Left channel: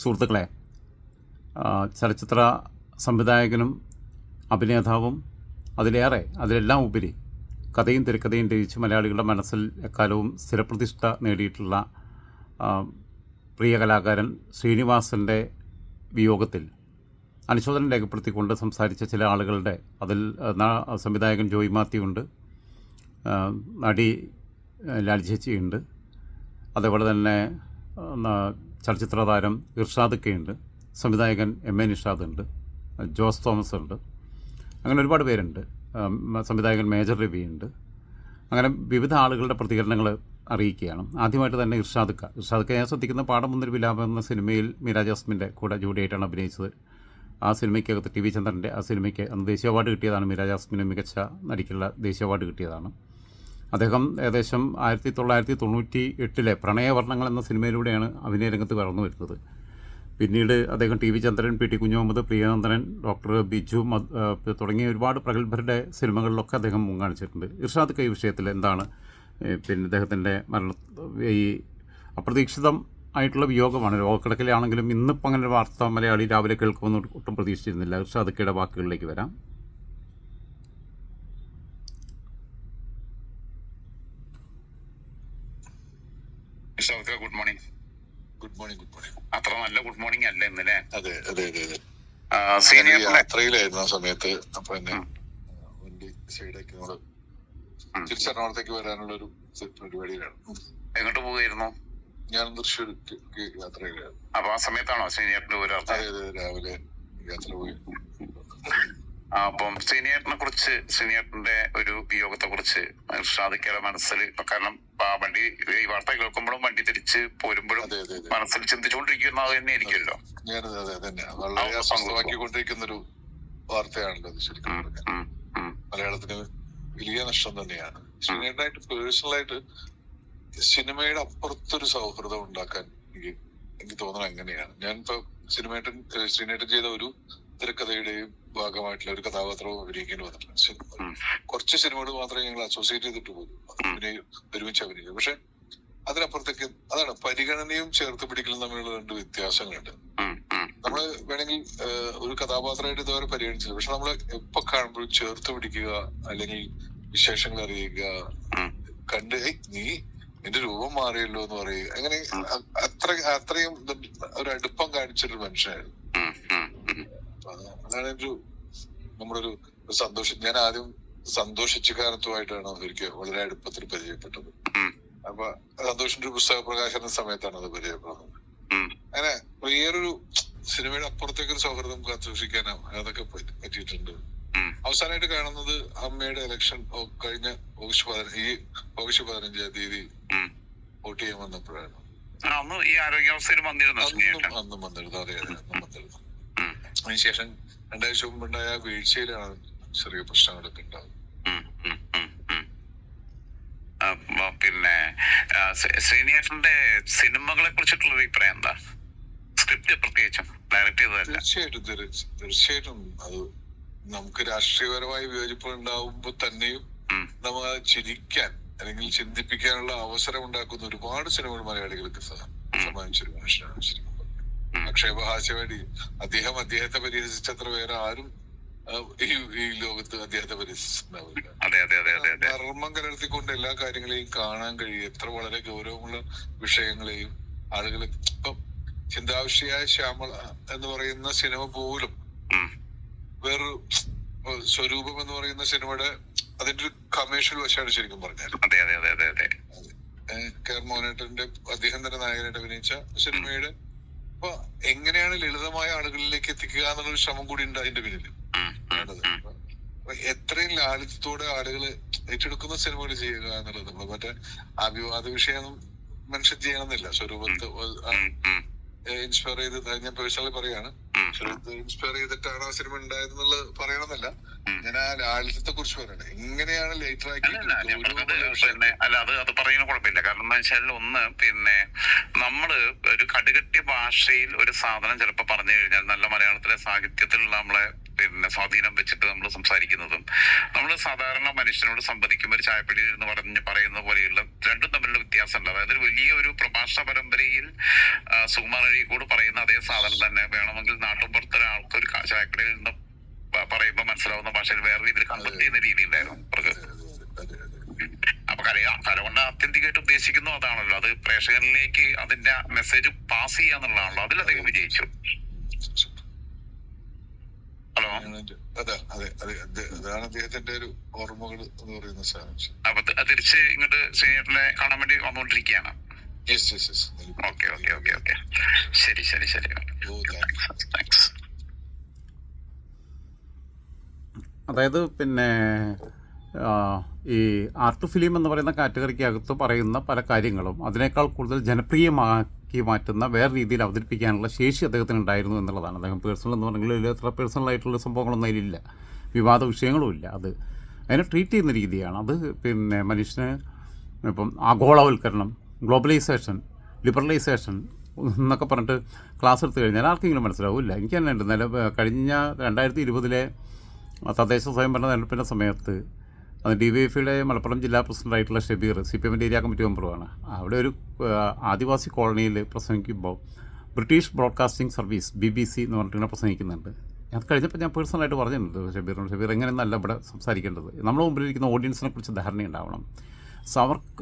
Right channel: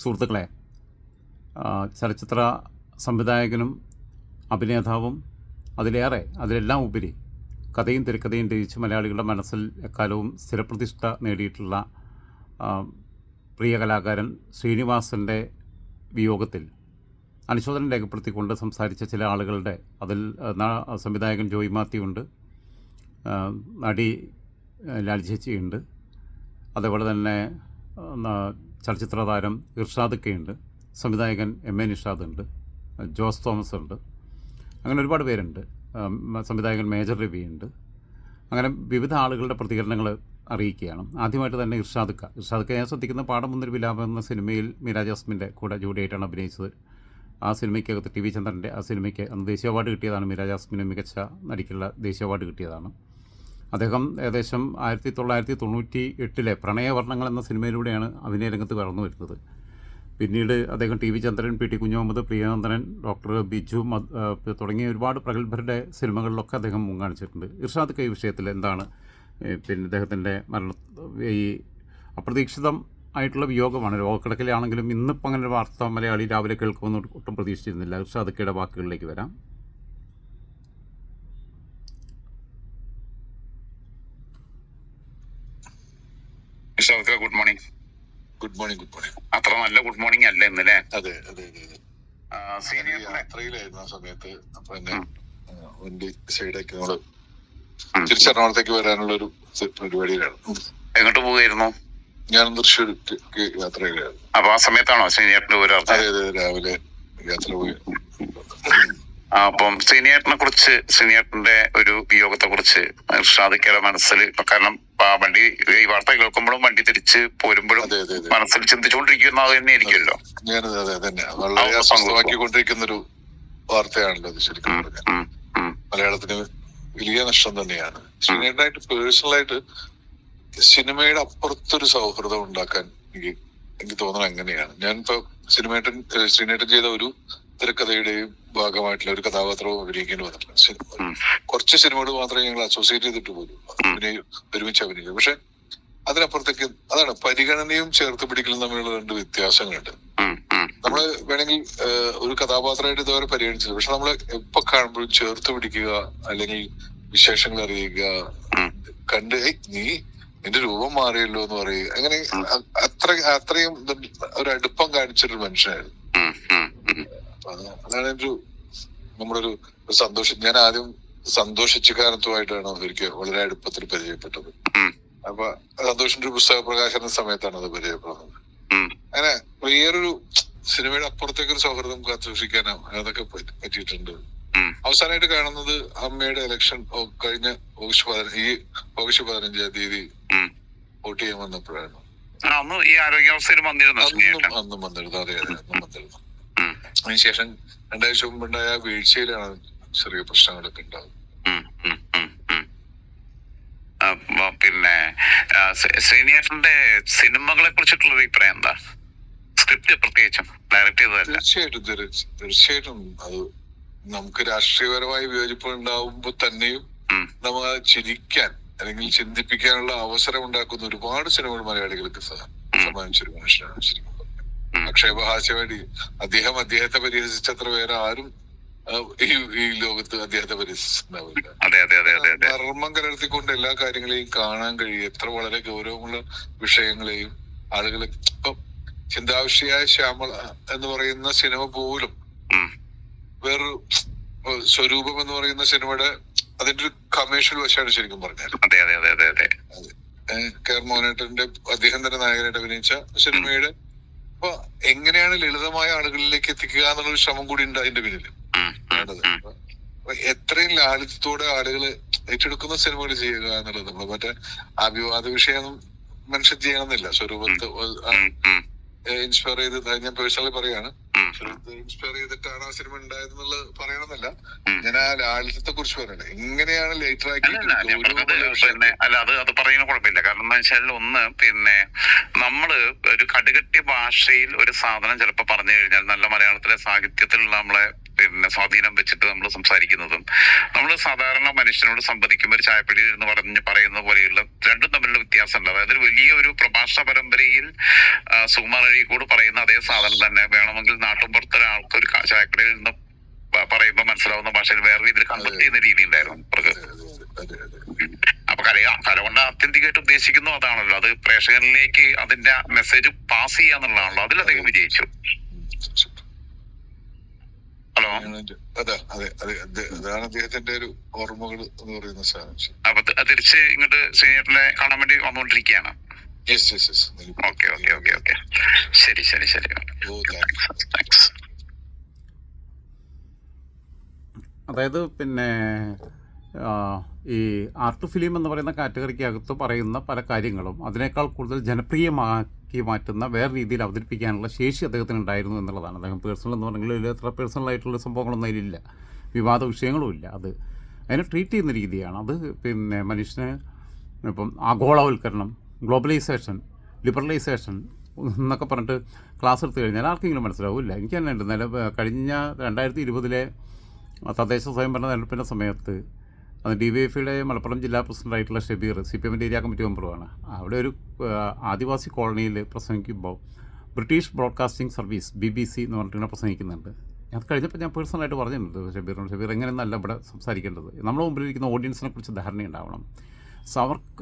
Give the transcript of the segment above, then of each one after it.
സുഹൃത്തുക്കളെ, ചലച്ചിത്ര സംവിധായകനും അഭിനേതാവും അതിലെല്ലാം ഉപരി കഥയും തിരക്കഥയും രചിച്ച് മലയാളികളുടെ മനസ്സിൽ എക്കാലവും സ്ഥിരപ്രതിഷ്ഠ നേടിയിട്ടുള്ള പ്രിയ കലാകാരൻ ശ്രീനിവാസൻ്റെ വിയോഗത്തിൽ അനുശോചനം രേഖപ്പെടുത്തിക്കൊണ്ട് സംസാരിച്ച ചില ആളുകളുടെ അതിൽ സംവിധായകൻ ജോയ് മാത്യു ഉണ്ട്, നടി ലാൽ ചേച്ചിയുണ്ട്, അതേപോലെ തന്നെ ചലച്ചിത്ര താരം ഇർഷാദ് ഉണ്ട്, സംവിധായകൻ MA നിഷാദ് ഉണ്ട്, ജോസ് തോമസ് ഉണ്ട്, അങ്ങനെ ഒരുപാട് പേരുണ്ട്, സംവിധായകൻ മേജർ രവി ഉണ്ട്. അങ്ങനെ വിവിധ ആളുകളുടെ പ്രതികരണങ്ങൾ അറിയിക്കുകയാണ്. ആദ്യമായിട്ട് തന്നെ ഇർഷാദ് ഞാൻ ശ്രദ്ധിക്കുന്ന പാഠം മുന്നൊരു വിലാപം എന്ന സിനിമയിൽ മീര ജാസ്മിൻ്റെ കൂടെ ജോഡിയായിട്ടാണ് അഭിനയിച്ചത്. ആ സിനിമയ്ക്കകത്ത് TV ചന്ദ്രൻ്റെ ആ സിനിമയ്ക്ക് അന്ന് ദേശീയ അവാർഡ് കിട്ടിയതാണ്. മീര ജാസ്മിന് മികച്ച നടിക്കുള്ള ദേശീയ അവാർഡ് കിട്ടിയതാണ്. അദ്ദേഹം ഏകദേശം 1998 പ്രണയവർണ്ണങ്ങൾ എന്ന സിനിമയിലൂടെയാണ് അഭിനയ രംഗത്ത് കടന്നു വരുന്നത്. പിന്നീട് അദ്ദേഹം TV ചന്ദ്രൻ, PT കുഞ്ഞുമുഹമ്മദ്, പ്രിയനന്ദനൻ, ഡോക്ടർ ബിജു തുടങ്ങിയ ഒരുപാട് പ്രഗത്ഭരുടെ സിനിമകളിലൊക്കെ അദ്ദേഹം മുൻകാണിച്ചിട്ടുണ്ട്. ഇർഷാദ് ഈ വിഷയത്തിൽ എന്താണ് പിന്നെ ഇദ്ദേഹത്തിൻ്റെ ഈ അപ്രതീക്ഷിതം ആയിട്ടുള്ള വിയോഗമാണ്. രോഗക്കിടക്കിലാണെങ്കിലും ഇന്നിപ്പോൾ അങ്ങനെ ഒരു വാർത്ത മലയാളി രാവിലെ കേൾക്കുമെന്ന് ഒട്ടും പ്രതീക്ഷിച്ചിരുന്നില്ല. ഇർഷാദ് വാക്കുകളിലേക്ക് വരാം. Good morning. Good morning. അത്ര നല്ല ഗുഡ് മോർണിംഗ് അല്ല ഇന്നലെ. അതെ. സീനിയർ യാത്രയിലായിരുന്നു ആ സമയത്ത്. അപ്പൊ എന്നെ വണ്ടി സൈഡാക്കി നമ്മള് തിരിച്ചെറണാകുളത്തേക്ക് വരാനുള്ള ഒരു പരിപാടിയിലാണ്. എങ്ങോട്ട് പോവുകയായിരുന്നു? ഞാൻ തൃശ്ശൂർക്ക് യാത്രയിലായിരുന്നു. അപ്പൊ ആ സമയത്താണോ സീനിയറിന്റെ ഒരു അതെ, രാവിലെ യാത്ര പോയി. അപ്പം സീനിയറിന്റെ ഒരു വിയോഗത്തെ കുറിച്ച് ഇർഷാദിക്കയുടെ മനസ്സിൽ, കാരണം വണ്ടി ഈ വാർത്ത കേൾക്കുമ്പോഴും വണ്ടി തിരിച്ച് പോരുമ്പോഴും മനസ്സിൽ ചിന്തിച്ചുകൊണ്ടിരിക്കുന്ന അത് തന്നെ ആയിരിക്കുമല്ലോ. ഞാനത് അതെ തന്നെ വളരെ അസ്വസ്ഥമാക്കിക്കൊണ്ടിരിക്കുന്ന ഒരു വാർത്തയാണല്ലോ അത്. ശരിക്കും പറഞ്ഞാൽ മലയാളത്തിന് വലിയ നഷ്ടം തന്നെയാണ്. ശ്രീനേട്ടനായിട്ട് പേഴ്സണലായിട്ട് സിനിമയുടെ അപ്പുറത്തൊരു സൗഹൃദം ഉണ്ടാക്കാൻ എനിക്ക് തോന്നണം അങ്ങനെയാണ്. ഞാനിപ്പോ ശ്രീനേട്ടൻ ചെയ്ത ഒരു തിരക്കഥയുടെയും ഭാഗമായിട്ടുള്ള ഒരു കഥാപാത്രവും അഭിനയിക്കേണ്ടി വന്നിട്ടില്ല. കുറച്ച് സിനിമകൾ മാത്രമേ ഞങ്ങൾ അസോസിയേറ്റ് ചെയ്തിട്ട് പോലും ഒരുമിച്ച് അഭിനയിക്കും. പക്ഷെ അതിനപ്പുറത്തേക്ക് അതാണ് പരിഗണനയും ചേർത്ത് പിടിക്കലും തമ്മിലുള്ള രണ്ട് വ്യത്യാസങ്ങളുണ്ട്. നമ്മള് വേണമെങ്കിൽ ഒരു കഥാപാത്രമായിട്ട് ഇതുവരെ പരിഗണിച്ചില്ല, പക്ഷെ നമ്മള് എപ്പോ കാണുമ്പോഴും ചേർത്ത് പിടിക്കുക, അല്ലെങ്കിൽ വിശേഷങ്ങൾ അറിയുക, കണ്ട് നീ എന്റെ രൂപം മാറിയല്ലോ എന്ന് പറയുക, അങ്ങനെ അത്രയും ഒരു അടുപ്പം കാണിച്ചൊരു മനുഷ്യനായിരുന്നു. അതാണ് നമ്മുടെ ഒരു സന്തോഷം. ഞാൻ ആദ്യം സന്തോഷിച്ചുകാരത്തുമായിട്ടാണ് ഒരിക്കൽ വളരെ അടുപ്പത്തിൽ പരിചയപ്പെട്ടത്. അപ്പൊ സന്തോഷിന്റെ ഒരു പുസ്തക പ്രകാശന സമയത്താണ് അത് പരിചയപ്പെടുന്നത്. അങ്ങനെ വേറൊരു സിനിമയുടെ അപ്പുറത്തേക്കൊരു സൗഹൃദം കാത്തുസൂക്ഷിക്കാനോ അതൊക്കെ പറ്റിയിട്ടുണ്ട്. അവസാനമായിട്ട് കാണുന്നത് അമ്മയുടെ ഇലക്ഷൻ കഴിഞ്ഞ ഓഗസ്റ്റ് 15 തീയതി വോട്ട് ചെയ്യാൻ വന്നപ്പോഴാണ്. അന്നും വന്നിരുന്നു. അതെ, വന്നിരുന്നു. അതിനുശേഷം 2 ആഴ്ച മുമ്പുണ്ടായ വീഴ്ചയിലാണ് ചെറിയ പ്രശ്നങ്ങളൊക്കെ ഉണ്ടാകുന്നത്. പിന്നെ ശ്രീനിവാസന്റെ സിനിമകളെ കുറിച്ചിട്ടുള്ള അഭിപ്രായം എന്താ? സ്ക്രിപ്റ്റ് പ്രത്യേകിച്ചും ഡയറക്ട് ചെയ്തതല്ല. തീർച്ചയായിട്ടും അത് നമുക്ക് രാഷ്ട്രീയപരമായി വിയോജിപ്പ് ഉണ്ടാവുമ്പോ തന്നെയും നമ്മൾ ചിരിക്കാൻ അല്ലെങ്കിൽ ചിന്തിപ്പിക്കാനുള്ള അവസരം ഉണ്ടാക്കുന്ന ഒരുപാട് സിനിമകൾ മലയാളികൾക്ക് സമ്മാനിച്ചൊരു മനുഷ്യനാണ് ശരിക്കും. ആക്ഷേപഹാസ്യമായിട്ട് അദ്ദേഹത്തെ പരിഹസിച്ചത്ര വേറെ ആരും ഈ ലോകത്ത് അദ്ദേഹത്തെ പരിഹസിച്ചിട്ടുണ്ടാവില്ല. മർമ്മം കലർത്തിക്കൊണ്ട് എല്ലാ കാര്യങ്ങളെയും കാണാൻ കഴിയും. എത്ര വളരെ ഗൗരവമുള്ള വിഷയങ്ങളെയും ആളുകളെ, ഇപ്പൊ ചിന്താവിഷയായ ശ്യാമള എന്ന് പറയുന്ന സിനിമ പോലും വേറൊരു സ്വരൂപം എന്ന് പറയുന്ന സിനിമയുടെ അതിന്റെ ഒരു കമേഴ്ഷ്യൽ വശമാണ് ശരിക്കും പറഞ്ഞാൽ. കെ.ആർ. മോഹനേട്ടന്റെ അദ്ദേഹം തന്നെ നായകനായിട്ട് അഭിനയിച്ച സിനിമയുടെ അപ്പൊ എങ്ങനെയാണ് ലളിതമായ ആളുകളിലേക്ക് എത്തിക്കുക എന്നുള്ളൊരു ശ്രമം കൂടി ഉണ്ട് അതിന്റെ പിന്നിൽ. എത്രയും ലാളിത്യത്തോടെ ആളുകള് ഏറ്റെടുക്കുന്ന സിനിമകൾ ചെയ്യുക എന്നുള്ളത്. നമ്മള് മറ്റേ ആ വിവാദ വിഷയം മനുഷ്യൻ ചെയ്യണമെന്നില്ല. സ്വരൂപത്തെ ഇൻസ്പയർ ചെയ്ത് ഞാൻ പേഴ്സണലി പറയാണ്, ഇൻസ്പയർ ചെയ്തിട്ടാണ് ആ സിനിമ ഉണ്ടായതെന്നുള്ളത് പറയണമെന്നല്ല. ഞാൻ ആ ലാളിത്യത്തെ കുറിച്ച് പറയണേ. എങ്ങനെയാണ് ലേറ്റർ ആക്കി അത് പറയുന്ന കുഴപ്പമില്ല. കാരണം എന്താ വെച്ചാൽ പിന്നെ നമ്മള് ഒരു കടുകട്ടി ഭാഷയിൽ ഒരു സാധനം ചിലപ്പോ പറഞ്ഞു കഴിഞ്ഞാൽ നല്ല മലയാളത്തിലെ സാഹിത്യത്തിലുള്ള നമ്മളെ പിന്നെ സ്വാധീനം വെച്ചിട്ട് നമ്മൾ സംസാരിക്കുന്നതും നമ്മൾ സാധാരണ മനുഷ്യനോട് സംവദിക്കുമ്പോൾ ഒരു ചായപ്പടിയിൽ എന്ന് പറയുന്ന പോലെയുള്ള രണ്ടും തമ്മിലുള്ള വ്യത്യാസമുണ്ട്. അതായത് ഒരു വലിയ ഒരു പ്രഭാഷണ പരമ്പരയിൽ സുകുമാർ അഴീക്കോട് പറയുന്ന അതേ സാധനം തന്നെ വേണമെങ്കിൽ നാട്ടുമ്പുറത്തെ ഒരാൾക്ക് ഒരു ചായക്കടയിൽ നിന്ന് പറയുമ്പോൾ മനസ്സിലാവുന്ന ഭാഷയിൽ വേറെ രീതിയിൽ കൺവെർട്ട് ചെയ്യുന്ന രീതി ഉണ്ടായിരുന്നു അവർക്ക്. അപ്പൊ കല കൊണ്ട് ആത്യന്തികമായിട്ട് ഉദ്ദേശിക്കുന്നു അതാണല്ലോ, അത് പ്രേക്ഷകരിലേക്ക് അതിന്റെ മെസ്സേജ് പാസ് ചെയ്യാന്നുള്ളതാണല്ലോ. അതിലധികം വിജയിച്ചു. ഹലോ, അതാണ് അദ്ദേഹത്തിന്റെ ഒരു ഓർമ്മകൾ എന്ന് പറയുന്ന സാധനം. അപ്പൊ തിരിച്ച് ഇങ്ങോട്ട് ശ്രീനേട്ടനെ കാണാൻ വേണ്ടി വന്നുകൊണ്ടിരിക്കുകയാണ്. ഓക്കെ ഓക്കെ ഓക്കെ ഓക്കെ, ശരി ശരി ശരി, താങ്ക്സ്. അതായത് പിന്നെ ഈ ആർട്ട് ഫിലിം എന്ന് പറയുന്ന കാറ്റഗറിക്കകത്ത് പറയുന്ന പല കാര്യങ്ങളും അതിനേക്കാൾ കൂടുതൽ ജനപ്രിയമാക്കി മാറ്റുന്ന വേറെ രീതിയിൽ അവതരിപ്പിക്കാനുള്ള ശേഷി അദ്ദേഹത്തിന് ഉണ്ടായിരുന്നു എന്നുള്ളതാണ്. അദ്ദേഹം പേഴ്സണൽ എന്ന് പറഞ്ഞെങ്കിൽ എത്ര പേഴ്സണലായിട്ടുള്ള സംഭവങ്ങളൊന്നും അതിലില്ല, വിവാദ വിഷയങ്ങളും ഇല്ല. അത് അതിനെ ട്രീറ്റ് ചെയ്യുന്ന രീതിയാണ്. അത് പിന്നെ മനുഷ്യന് ഇപ്പം ആഗോളവൽക്കരണം, ഗ്ലോബലൈസേഷൻ, ലിബറലൈസേഷൻ എന്നൊക്കെ പറഞ്ഞിട്ട് ക്ലാസ് എടുത്തു കഴിഞ്ഞാൽ ആർക്കെങ്കിലും മനസ്സിലാവില്ല. എനിക്ക് തന്നെ ഉണ്ട്. കഴിഞ്ഞ 2020 തദ്ദേശ സ്വയംഭരണ തെരഞ്ഞെടുപ്പിൻ്റെ സമയത്ത് DYFIയുടെ മലപ്പുറം ജില്ലാ പ്രസിഡൻ്റായിട്ടുള്ള ഷബീർ CPM ഏരിയ കമ്മിറ്റി മെമ്പറുമാണ്. അവിടെ ഒരു ആദിവാസി കോളനിയിൽ പ്രസംഗിക്കുമ്പോൾ ബ്രിട്ടീഷ് ബ്രോഡ്കാസ്റ്റിംഗ് സർവീസ് BBC എന്ന് പറഞ്ഞിട്ട് പ്രസംഗിക്കുന്നുണ്ട്. അത് കഴിഞ്ഞപ്പോൾ ഞാൻ പേഴ്സണലായിട്ട് പറഞ്ഞിട്ടുണ്ട് ഷബീറിനോട്, ഷബീർ എങ്ങനെയെന്നല്ല ഇവിടെ സംസാരിക്കേണ്ടത്, നമ്മുടെ മുമ്പിലിരിക്കുന്ന ഓഡിയൻസിനെ കുറിച്ച് ധാരണയുണ്ടാവണം,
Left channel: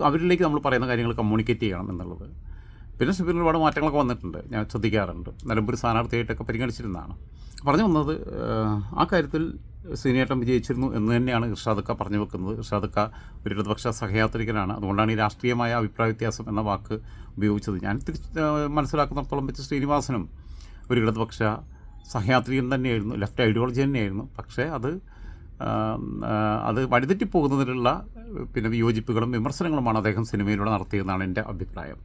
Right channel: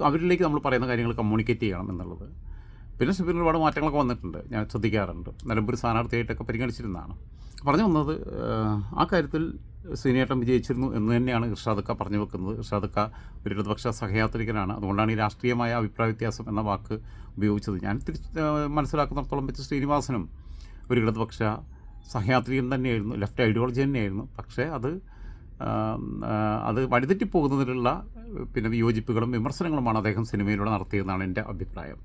അവരിലേക്ക് നമ്മൾ പറയുന്ന കാര്യങ്ങൾ കമ്മ്യൂണിക്കേറ്റ് ചെയ്യണം എന്നുള്ളത്. പിന്നെ ഷബീറിന് ഒരുപാട് മാറ്റങ്ങളൊക്കെ വന്നിട്ടുണ്ട്, ഞാൻ ശ്രദ്ധിക്കാറുണ്ട്. നിലമ്പൂർ സ്ഥാനാർത്ഥിയായിട്ടൊക്കെ പരിഗണിച്ചിരുന്നതാണ്. പറഞ്ഞു വന്നത് ആ കാര്യത്തിൽ ശ്രീനേട്ടൻ വിജയിച്ചിരുന്നു എന്ന് തന്നെയാണ് ഇർഷാദക്ക പറഞ്ഞു വെക്കുന്നത്. ഇർഷാദക്ക ഒരു ഇടതുപക്ഷ സഹയാത്രികനാണ്, അതുകൊണ്ടാണ് ഈ രാഷ്ട്രീയമായ അഭിപ്രായ വ്യത്യാസം എന്ന വാക്ക് ഉപയോഗിച്ചത്. ഞാൻ മനസ്സിലാക്കുന്നിടത്തോളം വെച്ച് ശ്രീനിവാസനും ഒരു ഇടതുപക്ഷ സഹയാത്രികൻ തന്നെയായിരുന്നു, ലെഫ്റ്റ് ഐഡിയോളജി തന്നെയായിരുന്നു. പക്ഷേ അത് വഴിതെറ്റിപ്പോകുന്നതിലുള്ള പിന്നെ വിയോജിപ്പുകളും വിമർശനങ്ങളുമാണ് അദ്ദേഹം സിനിമയിലൂടെ നടത്തിയതെന്നാണ് എൻ്റെ അഭിപ്രായം.